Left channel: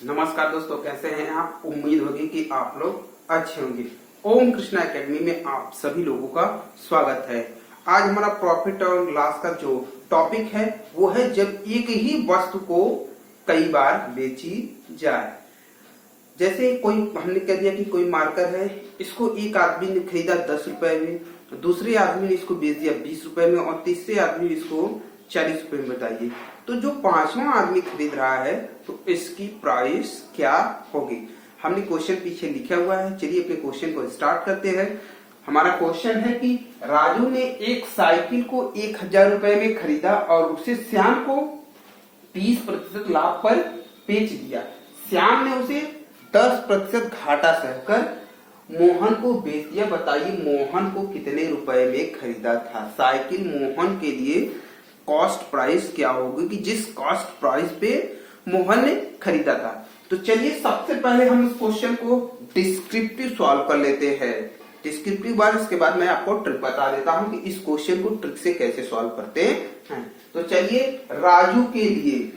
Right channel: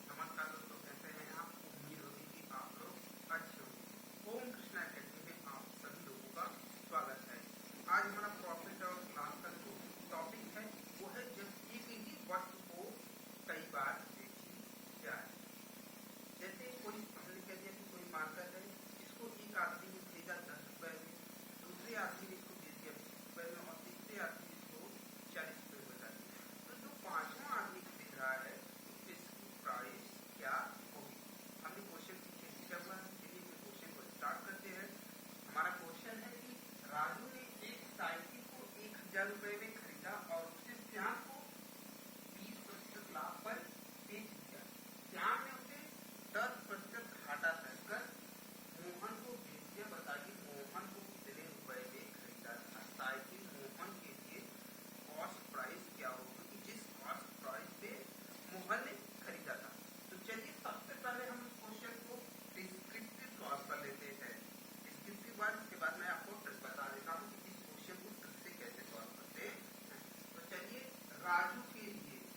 नमस्कार दोस्तों, कैसे हैं आप। उम्मीद होगी कि आप लोग अच्छे होंगे। ओम कृष्णा एकेडमी में आप सभी लोगों का स्वागत है। आज हमारा प्रॉफिट और लॉस का जो टॉपिक है वो है जब एक ही वस्तु को कई बार बेची जाए। जैसे कोई हमने कह दिया कि कोई मार्कर है, इसको एक आदमी ने खरीदा 10 रुपए में, दूसरे आदमी ने इसको बेच दिया 20 रुपए में और तीसरे आदमी ने इसको 40 रुपए में। बताइए तो जो पांचवा आदमी खरीद रहा है तो इसकी प्राइस क्या होगी। हमने क्वेश्चन पीछे लिखा हुआ है, चलिए अपने क्वेश्चन को स्टार्ट करते हैं। हमारा क्वेश्चन है कि राजू ने एक साइकिल को 1000 रुपए में खरीदा और उसे श्याम को 30% लाभ पर बेच दिया। श्याम ने उसे 10% घाटा सहकर मोहन को बेच दिया। बताइए मोहन को कितने रुपए में खरीदा था। साइकिल मोहन के लिए कॉस्ट प्राइस क्या होगी कि जिस कॉस्ट प्राइस पे मोहन ने खरीदा था। तो चलिए सबसे पहले हम इस क्वेश्चन को डिस्क्रिप्टिव सॉल्व कर लेते हैं। डिस्क्रिप्टिव बार इसके बाद मैं आपको ट्रिक बता देता हूं कि इस क्वेश्चन को ट्रिक से कैसे सॉल्व करते हैं। तो चलिए राजू के लिए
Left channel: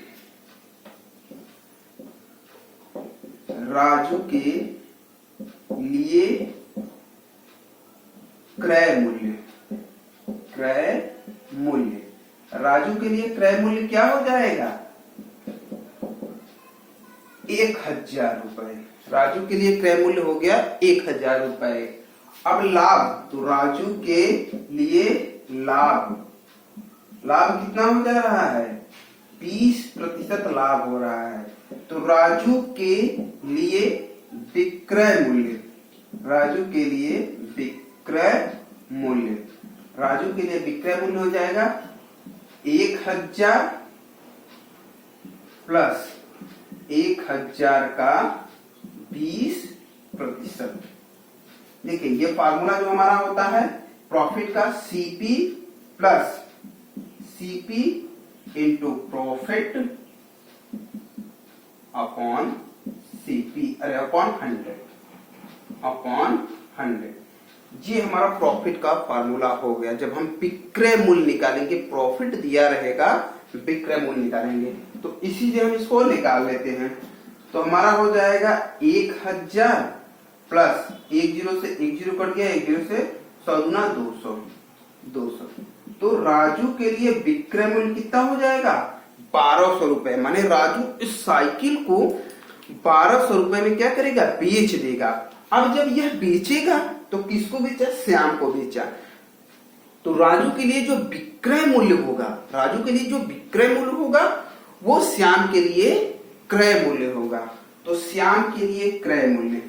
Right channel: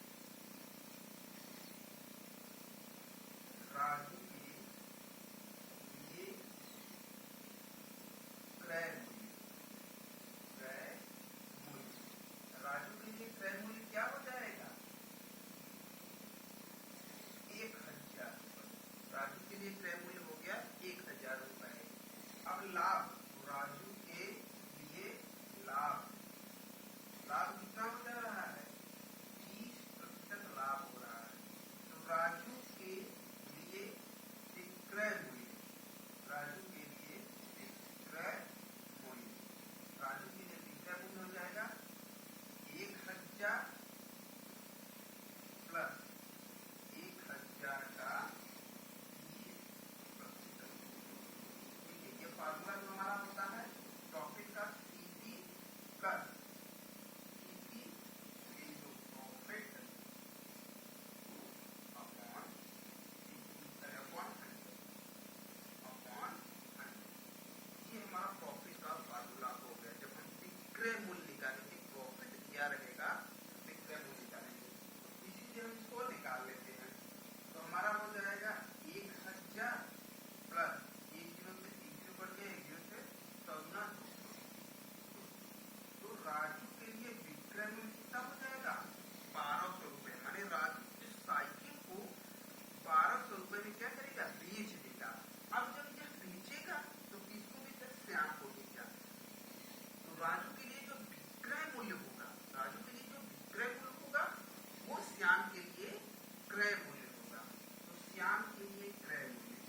क्रय मूल्य राजू के लिए क्रय मूल्य क्या हो जाएगा 1000 रुपए। राजू के लिए क्रय मूल्य हो गया 1000 रुपए। अब लाभ, तो राजू के लिए लाभ कितना हो जा रहा है 20% लाभ हो रहा है। तो राजू के लिए विक्रय मूल्य हो जाएगा 1000 प्लस 1000 का 20%। देखिए ये फार्मूला जो हमारा होता है प्रॉफिट का, CP plus CP into profit upon CP upon 100। ये हमारा प्रॉफिट का फार्मूला हो गया। जब हम विक्रय मूल्य निकालेंगे, प्रॉफिट दिया रहेगा, विक्रय मूल्य निकालेंगे, तो इसी से हम इसको निकाल लेते हैं। तो हमारा हो जाएगा 1000 प्लस 10 से 10 कट गया, 10 से 100 गुना 200। तो राजू के लिए विक्रय मूल्य कितना हो जाएगा 1200 रुपए। माने राजू इस साइकिल को 1200 रुपए में क्या करेगा, बेच देगा। अब जब यह बेचेगा तो किसको बेचा, श्याम को बेचा। तो राजू के लिए जो विक्रय मूल्य होगा वो श्याम के लिए क्रय मूल्य होगा। तो श्याम के लिए क्रय मूल्य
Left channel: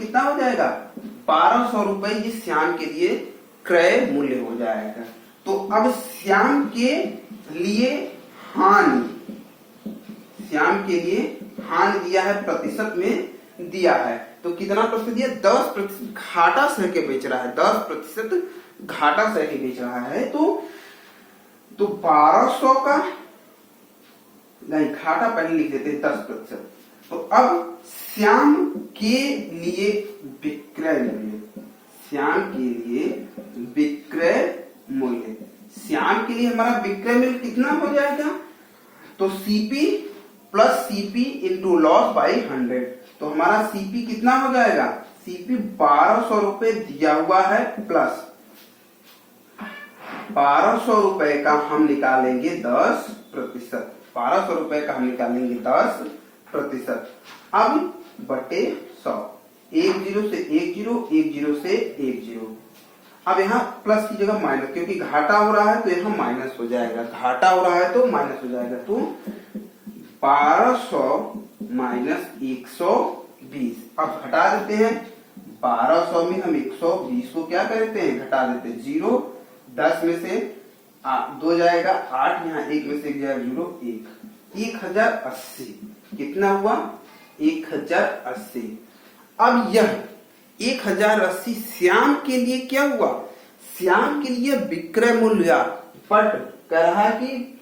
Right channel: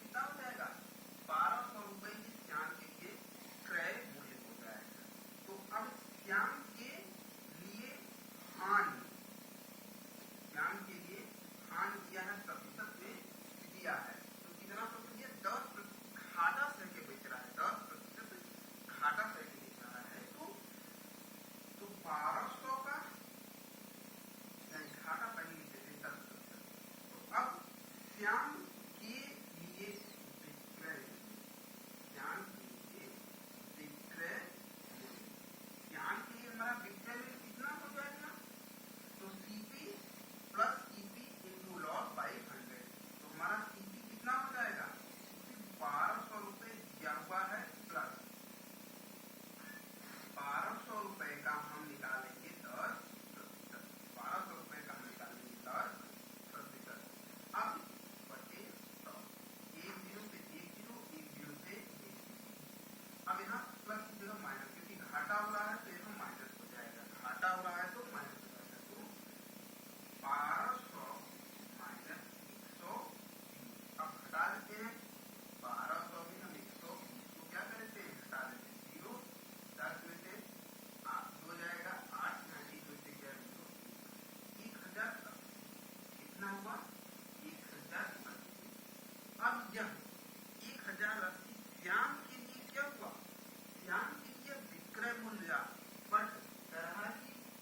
कितना हो जाएगा 1200 रुपए। ये श्याम के लिए क्रय मूल्य हो जाएगा। तो अब श्याम के लिए हानि दिया है, प्रतिशत में दिया है। तो कितना प्रतिशत दिया 10% घाटा सह के बेच रहा है, 10% घाटा सह के बेच रहा है। तो 1200 का नहीं, घाटा पहले लिख देते हैं 10%। तो अब श्याम के लिए विक्रय मूल्य श्याम के लिए हमारा विक्रय मूल्य कितना हो जाएगा, तो CP plus CP into loss by 100। तो हमारा सीपी कितना हो जाएगा, सीपी 1200 रुपए दिया हुआ है प्लस 1200 रुपए का हम निकालेंगे 10%। 1200 रुपए का हम निकालेंगे 10%। अब बटे 100, 10 से 10 से 10। अब यहाँ प्लस की जगह माइनस, क्योंकि घाटा हो रहा है तो यहाँ माइनस हो जाएगा, तो 1200 माइनस 120। अब घटा देते हैं, 1200 में हम 120 को क्या करते हैं, घटा देते हैं। 0 10 में से 2 जाएगा 8, यहाँ 1 में से 1 जाएगा 0, 1 1080 कितना हुआ 1080। अब यह 1080 श्याम के लिए क्या हुआ, श्याम के लिए विक्रय मूल्य, बट कह रहा है कि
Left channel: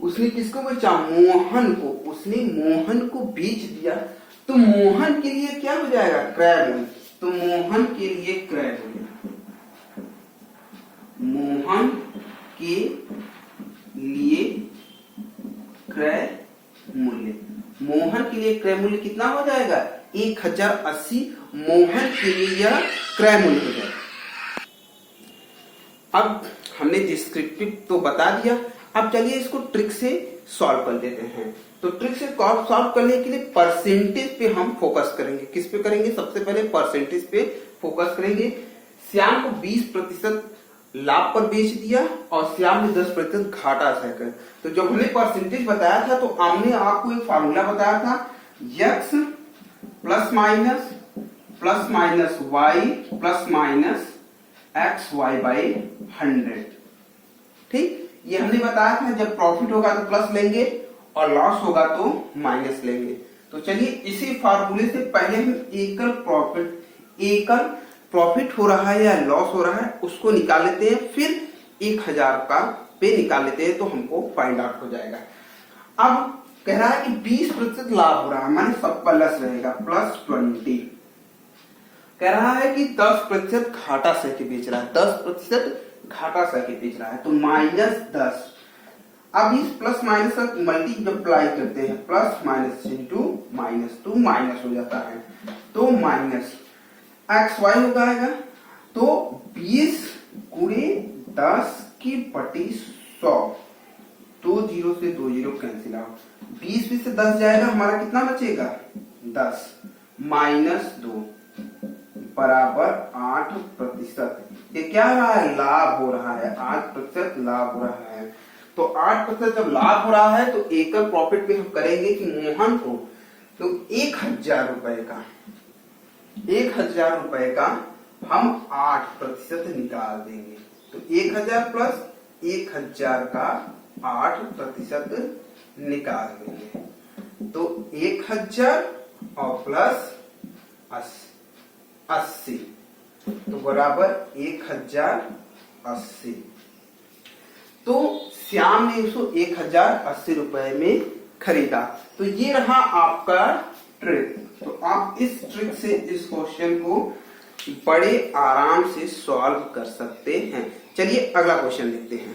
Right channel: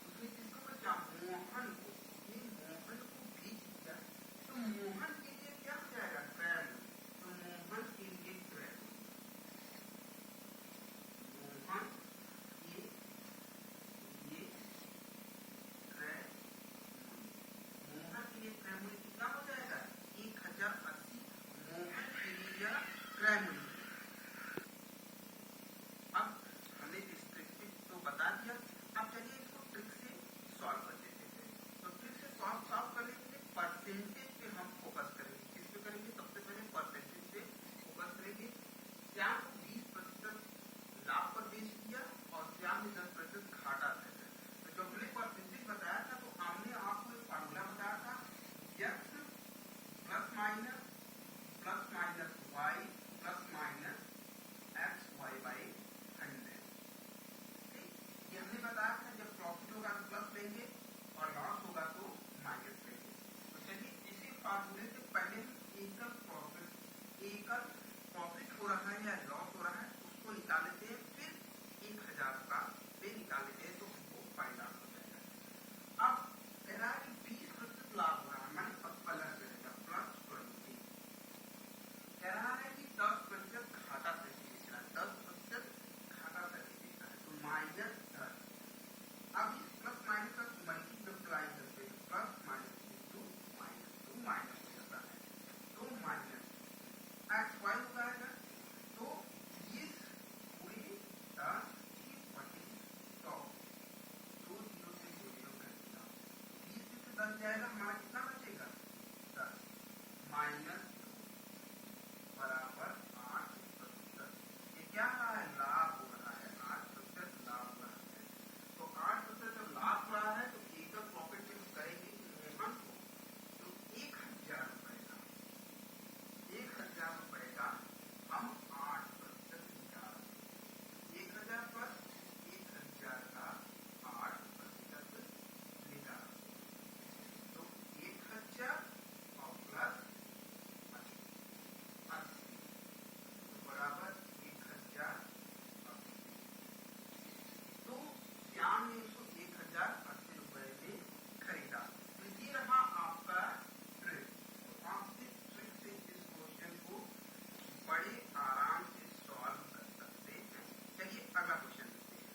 उसने किसको बेचा, मोहन को। उसने मोहन को बेच दिया, तो मोहन के लिए क्या हो जाएगा क्रय मूल्य। तो मोहन के लिए क्रय मूल्य, मोहन के लिए क्रय मूल्य, मोहन के लिए क्रय मूल्य कितना हो जाएगा? 1080 मोहन के लिए यह क्रय मूल्य हो जाएगा। अब हमने डिस्क्रिप्टिव तो बता दिया, अब चलिए इसको ट्रिक से सॉल्व कर देते हैं। तो ट्रिक से सॉल्व करने के लिए परसेंटेज पे हम फोकस करेंगे। किस पे करेंगे? सबसे पहले परसेंटेज पे फोकस करेंगे। श्याम को 20% लाभ पर बेच दिया और श्याम ने 10% घाटा सहकर। तो जब हमने परसेंटेज बताया था तो हमने आपको एक फार्मूला बताया था, x plus minus y plus minus xy by 100। ठीक, ये हमने बताया था जब प्रॉफिट होगा तो प्लस लेंगे और लॉस होगा तो माइनस लेंगे। तो चलिए इसी फार्मूले से पहले हम एकल प्रॉफिट हो रहा है या लॉस हो रहा है उसको निकाल लेते हैं, फिर 1000 का पे निकाल लेते हैं तो हमको फाइंड आउट हो जाएगा। अब कह रहा है कि 20% लाभ हो रहा है, माने सब प्लस रहेगा, प्लस 20। कह रहा है कि 10% घाटा सह के बेच रहा है, 10% घाटा सह के बेच रहा है, तो -10। अब इस प्लस माइनस का मल्टीप्लाई करते हैं, प्लस माइनस इंटू माइनस, तो माइनस हो जाता है, तो माइनस xy हो जाएगा। तो 20 गुणे 10 की बटी 100, 2 जीरो से 2 जीरो कैंसिल आउट, 20 में से 10 जाएगा, हमारा कितना बचेगा? 10 माइनस 2 बराबर 8%। ये क्या हो रहा है? लाभ हो रहा है, 8% लाभ हो रहा है। तो 8% जब लाभ हो रहा है तो एकल प्रॉफिट पे हम करेंगे कि मोहन को तो 1000 रुपए का हम 8% निकाल देंगे। तो 1000 प्लस 1000 का 8% निकाल देंगे, तो 1000 और प्लस 80 तो बराबर 1080। तो श्याम ने उसको 1080 रुपए में खरीदा। तो ये रहा आपका ट्रिक। तो आप इस ट्रिक से इस क्वेश्चन को बड़े आराम से सॉल्व कर सकते हैं। चलिए अगला क्वेश्चन देखते हैं।